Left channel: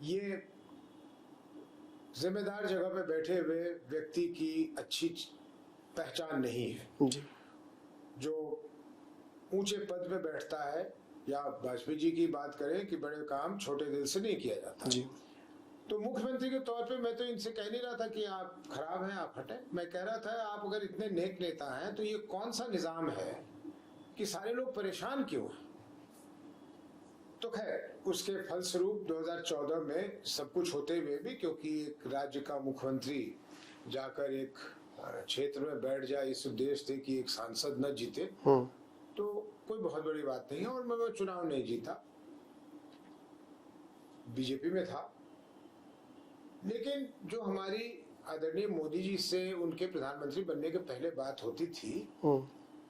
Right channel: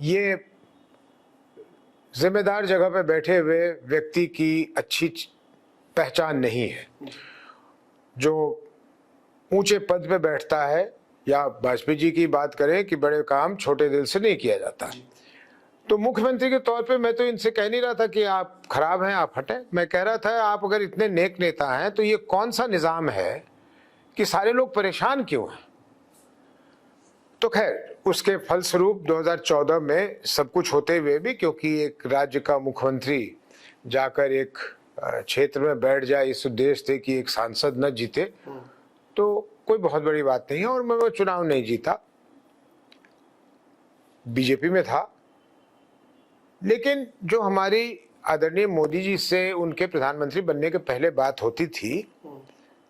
ये जिम्मेदार जगह पे बैठे हुए व्यक्ति की अच्छी पहचान नहीं है। जो ऊंचे पद पे बैठता है, या वाजपेयी जी की बात करें कि बड़े काम छोटे दिल से नहीं किया जाता। तो मुख्यमंत्री के तौर पे मैं तो इनसे कह नहीं रहा था कि आप खराब हैं, आप हटें। मैं कह रहा था आप अगर इतने नेक नेता हैं तो ये कौन सा निजाम है कि सारे लोग परेशान क्यों हैं। तो खैर उसके फलस्वरूप 2014 में सब कुछ होते हुए भी, क्योंकि एक राज्य का मुख्यमंत्री जाकर एक क्षेत्र में बैठ जाए इस उद्देश्य से कि एक सांसद न जीते, तो कोई बहुत बड़ी बात नहीं है। और मैं वो चुनाव नहीं जीता, बीजेपी में था। लेकिन जो हमारी आदरणीय मोदी जी से उनके प्रधानमंत्री बनने के पहले बात होती थी,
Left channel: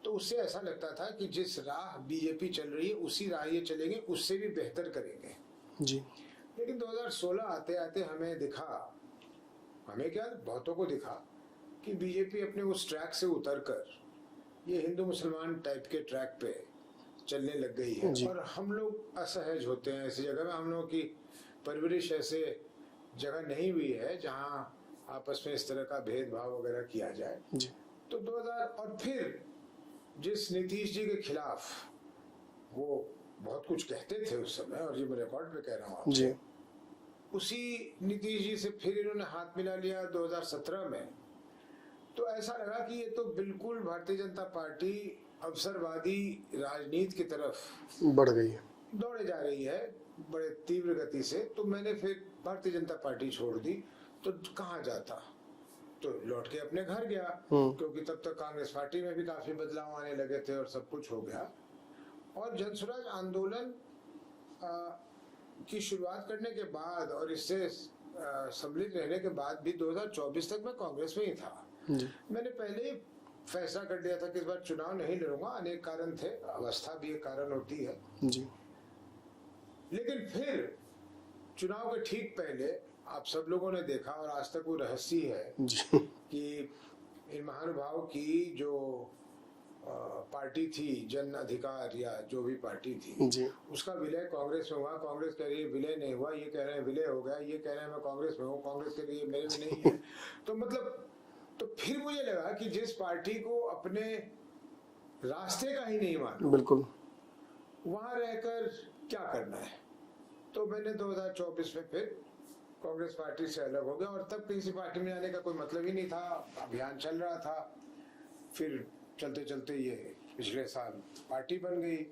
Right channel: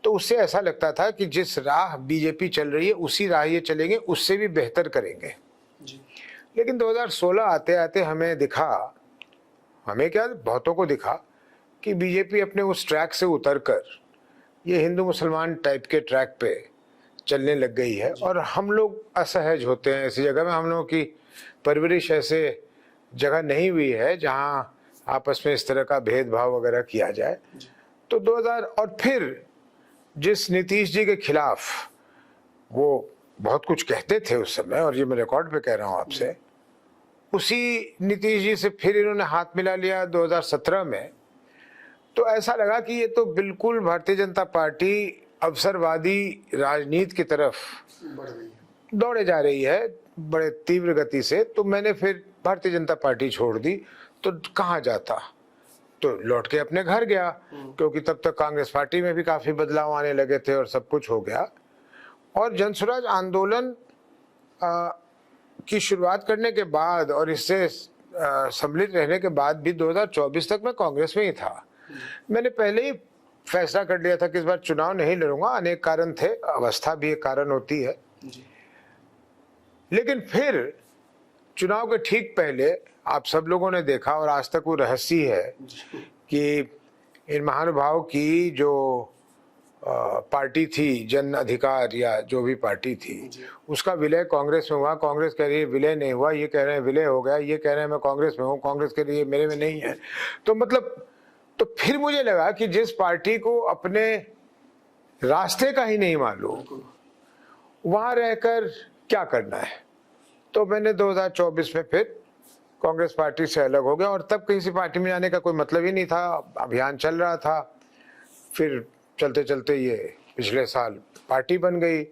तो उससे ऐसा लगता था कि जिस राह बीजेपी चल रही है उसी राह ये चलेंगे, उससे भी बेहतर करेंगे जी। लेकिन 2016 आते आते हमें दिखा, हमें क्या बहुतों को दिखा, कि बीजेपी अपने उस ट्रैक से उतरकर ये हिंदू मुसलमान टाइप के ट्रैक पे चलने लग गई है। और हम लोग असहज होते हैं ऐसी जगह में। हम लोगों की परवरिश ऐसे जगह नहीं हुई है जहां आपस में इस तरह का भेदभाव वगैरह किया जाए। तो 2000 और फिर जिस नीतीश जी के खिलाफ वो बहुत कुछ कहते थे उस समय, और ये मैं रिकॉर्ड पे कह रहा हूँ आपसे, उसी नीतीश जी से फिर इन्होंने हाथ मिला लिया 2017 में। तो ऐसा लगा कि ये तो बिल्कुल भारतीय जनता पार्टी अवसरवादी राजनीति की तरफ बढ़ गई है, दौड़े जा रही है बड़े तीव्र गति से। तो मैंने फिर भारतीय जनता पार्टी छोड़ दी। तो कहाँ जाता, तो लौट के अपने घर गया, क्योंकि तब तक कांग्रेस पार्टी में भी काफी बदलाव आने लगे थे और सब कुछ हो गया। और जनसुराज आंदोलन की शुरुआत करने के बाद और इससे सम्मिलित रहने के बाद भी 2024 तक मैं कांग्रेस में ही था। मैंने पहले ही फैसला कर लिया था कि इस बार चुनाव नहीं लड़ूंगा। अनेक कारण थे, अवस्था भी एक कारण होती है जी। लेकिन फिर चुनाव के ठीक पहले आप सब लोगों ने देखा, और आज तक वो रहस्य है कि इन महानुभाव की जो पार्टी थी, जन अधिकार या जो भी पार्टी थी, उसका विलय कांग्रेस में हुआ। कांग्रेस कह रही है विलय नहीं हुआ, ये कह रहे हैं विलय हो गया, ये कह रहे हैं मैं कांग्रेस में हूँ, कांग्रेस कह रही है मेरे में नहीं है। तो मतलब, तो फिर मुझे लगा कि जिस पार्टी को अपने रास्ते का ही नहीं मालूम, बिल्कुल वहां रहकर क्या करना है। तो मैंने 2024 में फिर कांग्रेस पार्टी से अलग हो गया, और तब किसी पार्टी में जाने का कोई मतलब ही नहीं था। अभियान चल रहा था, फिर चलते चलते ये पिछले साल पार्टी बन गई।